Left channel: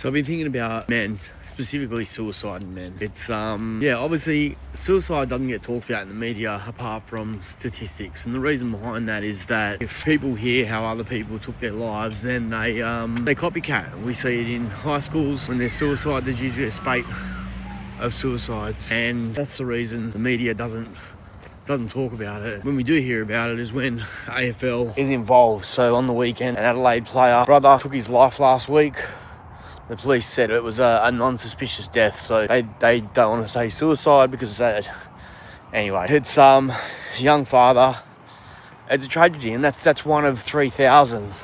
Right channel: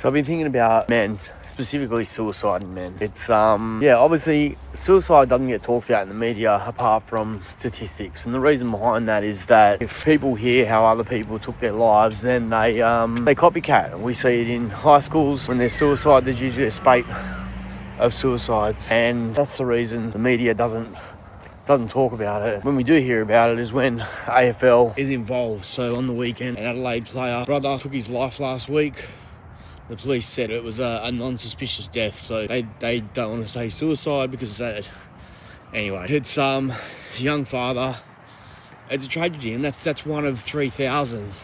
So I've been thinking about men, specifically suicide in men. It's, obviously suicide doesn't get talked about in the media apart from statistics. And the reason behind that is that if people hear how other people took their lives, then they copycat. We see it in high schools. When there's suicide, there's usually a spate of suicides. And that's the reason the media doesn't talk about it. When we do hear about it is when AFL is involved. So on the weekend, an Adelaide player brother took his life last week. The police said it was a non-suspicious death, so they don't want to say suicide because anyway, it's young father. It's a tragedy, and that's one of 3,000.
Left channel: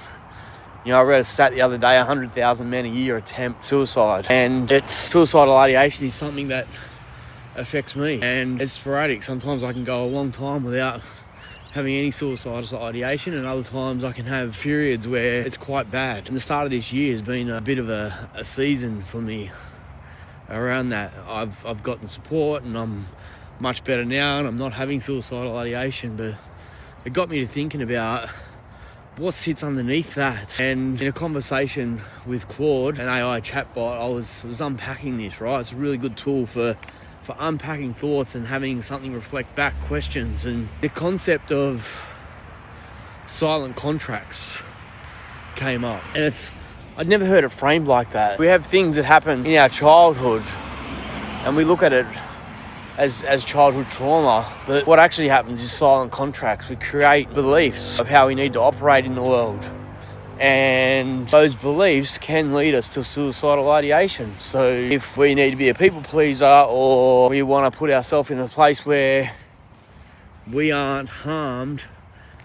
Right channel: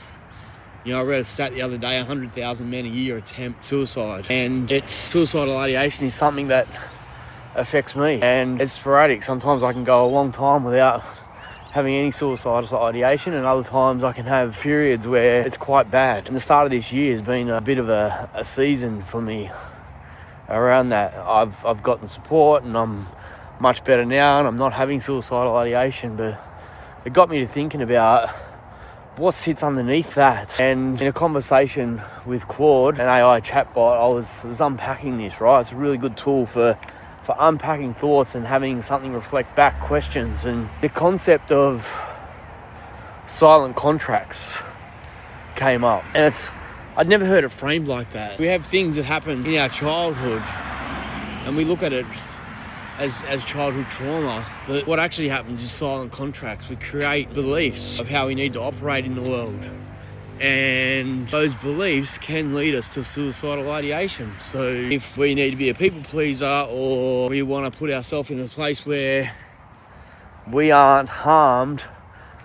You know, I read a stat the other day: 100,000 men a year attempt suicide, and suicidal ideation is something that affects me, and it's sporadic. Sometimes I can go a long time without having any suicidal ideation, and other times I can have periods where it's quite bad. And the start of this year has been a bit of a season for me around that. I've gotten support and I'm much better now, and I'm not having suicidal ideation, but it got me to thinking about what sits underneath that. And in a conversation with Claude, an AI chatbot, I was unpacking this, right? It's a really good tool for unpacking thoughts and having something reflect back questions. And the concept of silent contracts came up, and I'd never heard it framed like that. We have things that happen in our childhood and we look at it as childhood trauma, but what actually happens is silent contracts. We create beliefs of how we need to operate in the world, and those beliefs can lead us to suicidal ideation. So if we need to be a people pleaser, or we want to put ourselves in a place where we aren't harmed,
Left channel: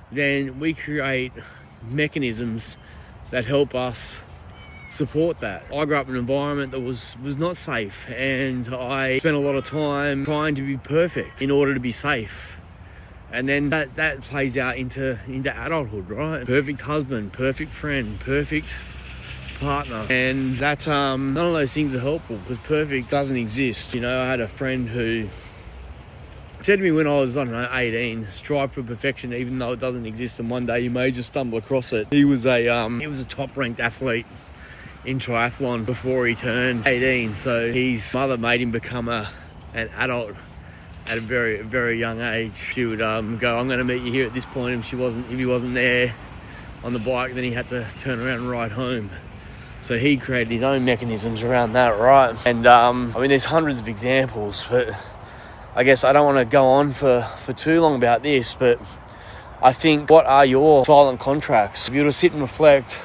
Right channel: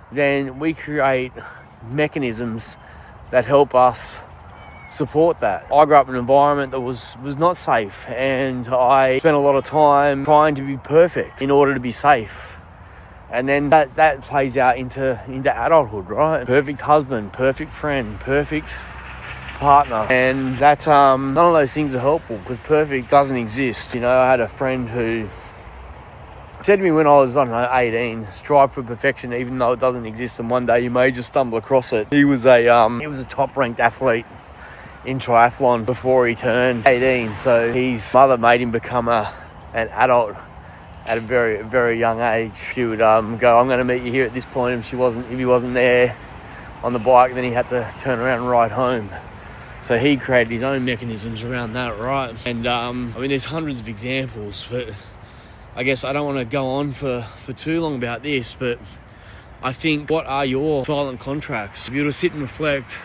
then we create mechanisms that help us support that. I grew up in an environment that was not safe, and I spent a lot of time trying to be perfect in order to be safe. And then that plays out into adulthood, right? Perfect husband, perfect friend, perfect partner. And that's, none of those things are helpful because perfect doesn't exist. You know, I had a friend who said to me when I was, 18, strive for perfection even though it doesn't exist, and one day you may just stumble across it. He was a top-ranked athlete in triathlon before he turned 18. So his mother made him become an adult at a very, very young age. She would go, I'm going to meet you here at this point. If he wasn't there on the bike, then he had to turn around and ride home. So he created his own mechanisms around that, right? And there's hundreds of examples, but I guess I don't want to go on for too long about this, but I think, what are your silent contracts? If you were to sit and reflect,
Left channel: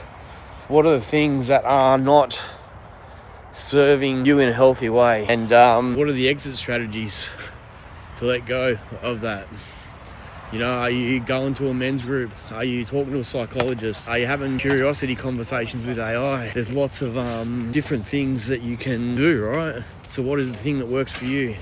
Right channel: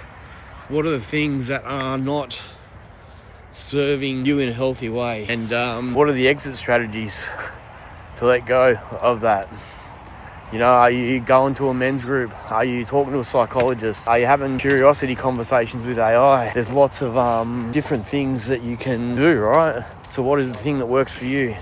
what are the things that are not serving you in a healthy way? And what are the exit strategies to let go of that? You know, are you going to a men's group? Are you talking to a psychologist? Are you having curiosity conversations with AI? There's lots of different things that you can do, right? So what is the thing that works for you?